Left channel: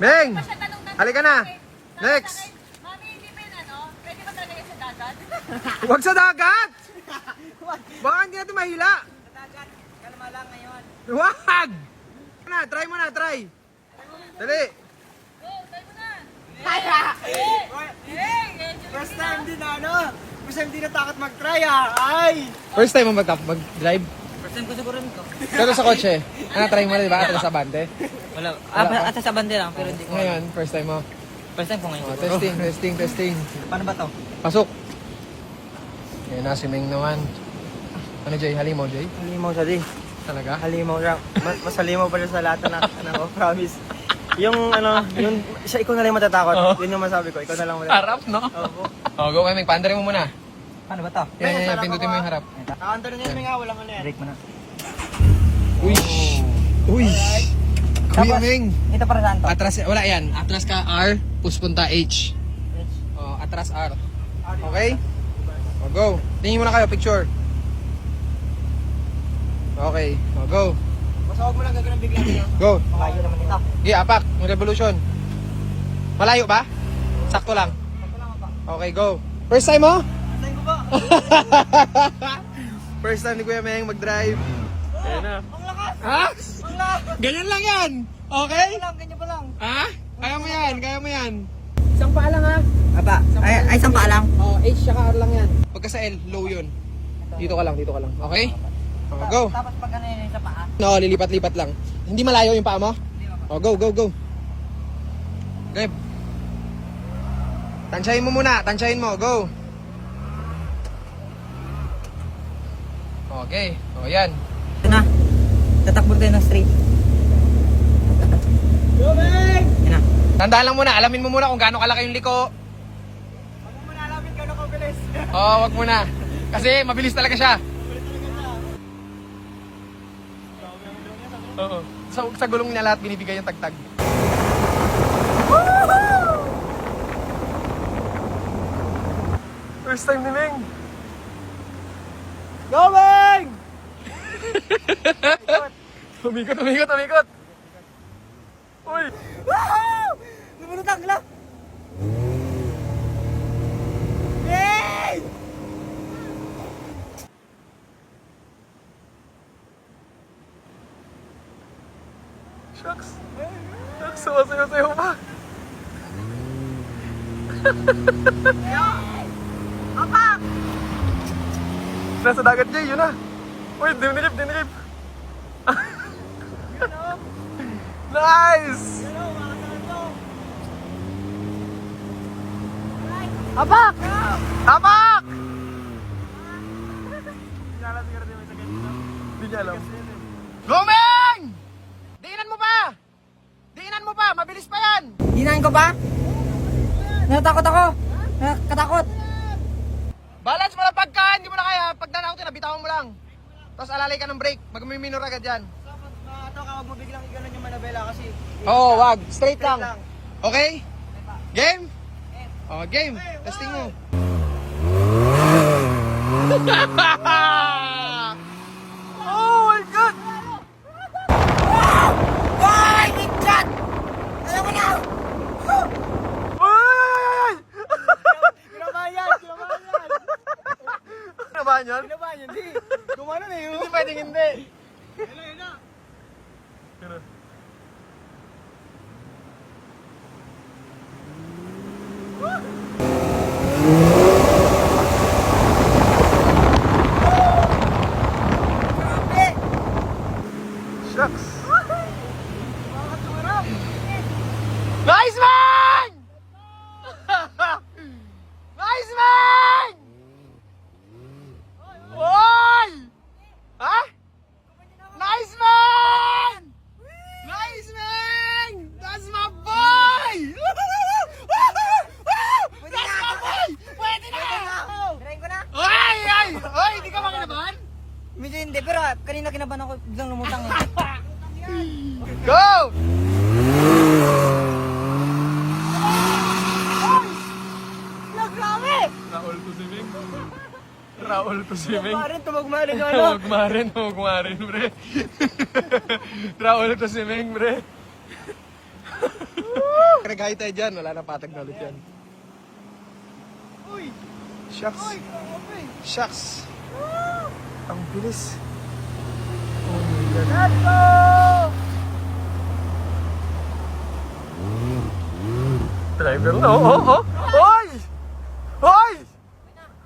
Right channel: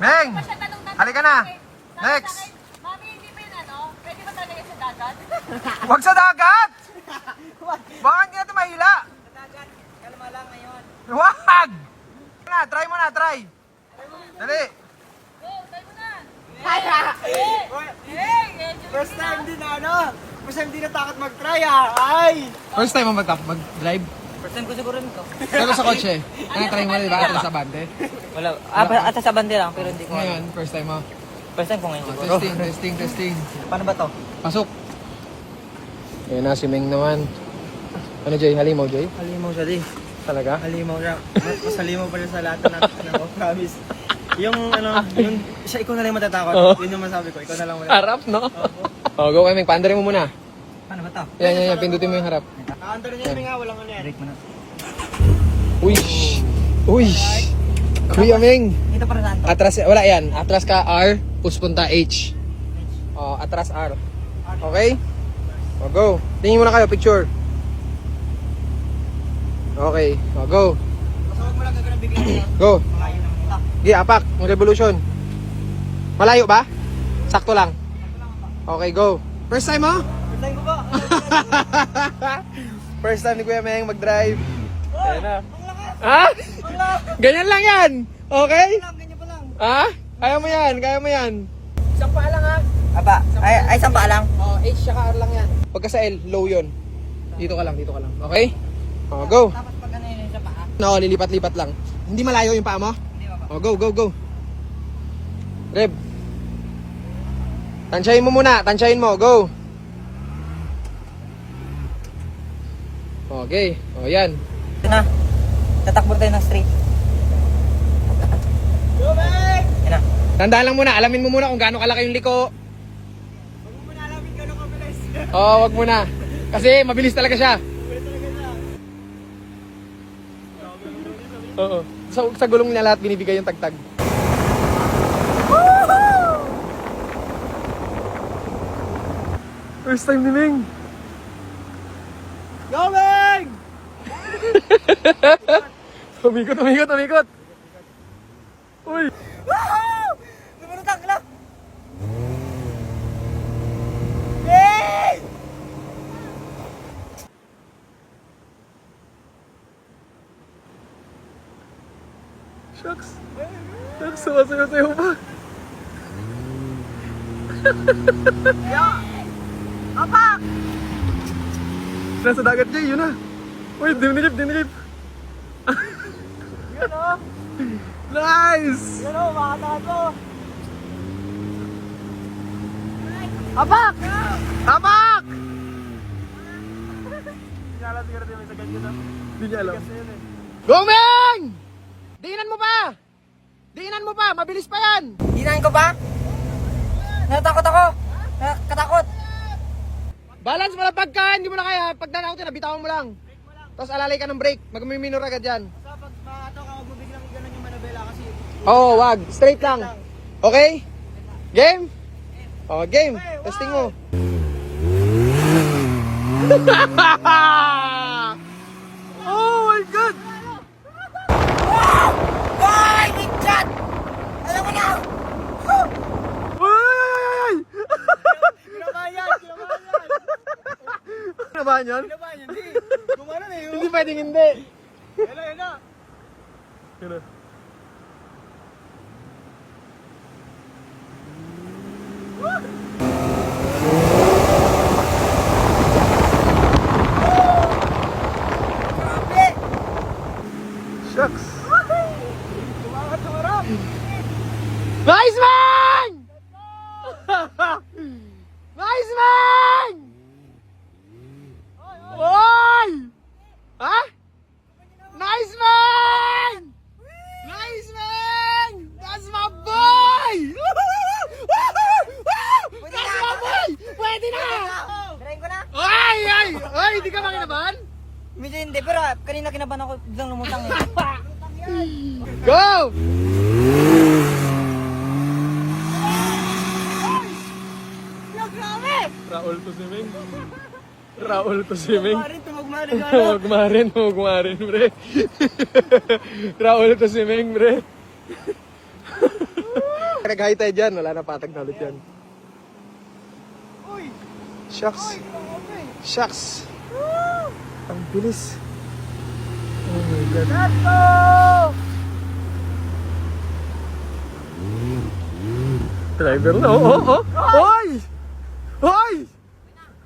Meng! Halika na! Next! Mami, hindi ba yun ano? Pwede ba talaga sa dagat? Huwag sa dagat! Baka hindi natin mahila! Sa dagat, kalma lang ngayon. Wag! Try mo na, try! Dali! Go, try mo na! First time din na ano. First time din natakot mag-try Ay! First time mo mag-drive? First time ko siguro nito. Pero sa kotse, try mo na diba? Atras sa bande. Wala. Ata sa bande lang, pero hindi ko. Ngayon, first time mo. First time ko ngayon siguro. Testing. Paano ba to? Pasok! Ayun na, si Meng naman. Ano Jay, nalimaw Jay? Halimaw siya di. Talaga? Halimaw siya. Mas halimaw pa siya sa lahat na ano, promise. Yung ano, yung siya ikaw na lang matatakot. Yun yung masabi ko, ikaw na lang matatakot. Harap, no? Opo. Go kami, paandarin mo muna. Paano ba to? Yan, pindutin mo yung harap. Aantarin niya nga, walang ano yan. Break mo na. Uy! Uy! Kuya Meng! Dito para saan to? Atras, wala yan. Atras ka R, push punta H. Oh, atras R. Okay? O, go. Tingin muna kayo, picture. Okay, o, go. Basta huwag mo lang gagawin bigla niya. Go. Malayo naman dito. Gi, apak, ang revolution. Malayo ba? Sakto lang. Okay, go. First time mo? First time ko ba? First time ni Kuya Meng mag-drive. Ayan na. Ang lakas! Ha? Ang lakas! Ganyan lang yan. Okay? Ganyan pa lang. Ha? Kaya mo yan. Isang paa lang ha. Aba, ay isang paa lang. Oh, H saka R lang yan. Pagka sa L, low yun. Dito ka lang. Okay? Oh, go. Tapos pag ano yun sa paa? No, lilipat-lipat lang. Hindi malayo yung paa mo? Hindi ba? Oh, go. Reb. Tansyahin mo muna. Go. Okay. O, yan. Ito na. Tatakbo tayo ng straight. Yan na. Tandaan lang muna. Alamin mo muna kung gaano kalaki yung liko. Huwag mo na alamin ka ako bilis. Oo, wag muna. Kasi mabilis talaga siya. Oo. Sa gulong niya lahat binibigay yung tagtag. First time ni Ming. Going! Umikot. Uy! Woohoo! Lumunutang lang! Yay! Shucks. Sumasayaw-sayaw pa. Apa! Nasa dagat niya, yun na. Uy, dinilip. Yun o! Nice! Yun o, makakataan mo! Apak! Tapak! Hindi niya alam. Go, Meng! Diinan mo pa! Mabilis pa yan! Hinahin ko ba? Natatakot ako! Nakatakot! Balance mo lang pagka, hindi mo na kaya. Pag nanakaw nabitawan mo lang. Tapos alalay ka ng brake, mag-minor ka dyan. Dapat ito ka, huwag mo biglang gano'n yung manabela kasi... Oo, wag. Straight lang. Okay? Game? Oh, game. Testing mo. Oh my God! Ay! Big shot! Alam mo na! Uy! Kinabahan yan! Nabahan yan? Kinabahan yan, di! Kumano na yun! Hindi pwedeng hindi. Yan na! Shucks. Nice man! Nice man! Oy! Ha? Nice man! Nice man! That's my boy! That's my boy! Pwede na! Tirahin ko na! Oy! Hindi ka makinabahan? Medyo hindi, pero kanina kinabahan ako biglang lumutang eh. Go! Grabe! Raul to si Ming. Tumagmarin yung ano. Magmarin, pre. Raul to si Ming, pre. pinag-high tide yan. Wala na patag na ulit yan. Uy! Shucks. Uy! Grabe! Shucks. Ang bilis. Let's go! Driver na. Hoy! Hoy!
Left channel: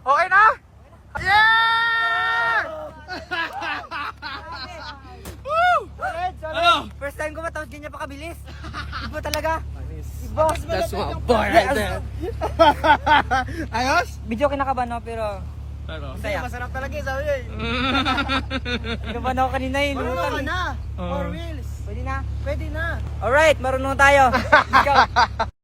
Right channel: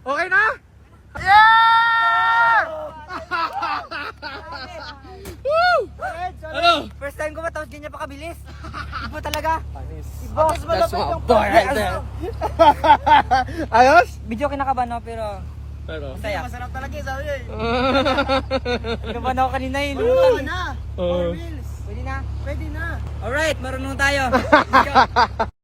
Okay na? Yeah! Solid! Ano? First time ko matapos ganyan pa kabilis. Iba talaga. Iba. That's my boy right there. Ayos? Video kinakabahan no, pero Pero, masaya. Masarap talaga sabi niya eh. Kinakabahan ako kanina eh. Marunong ka na. 4 wheels. Pwede na? Pwede na. Alright, marunong tayo. Let's go.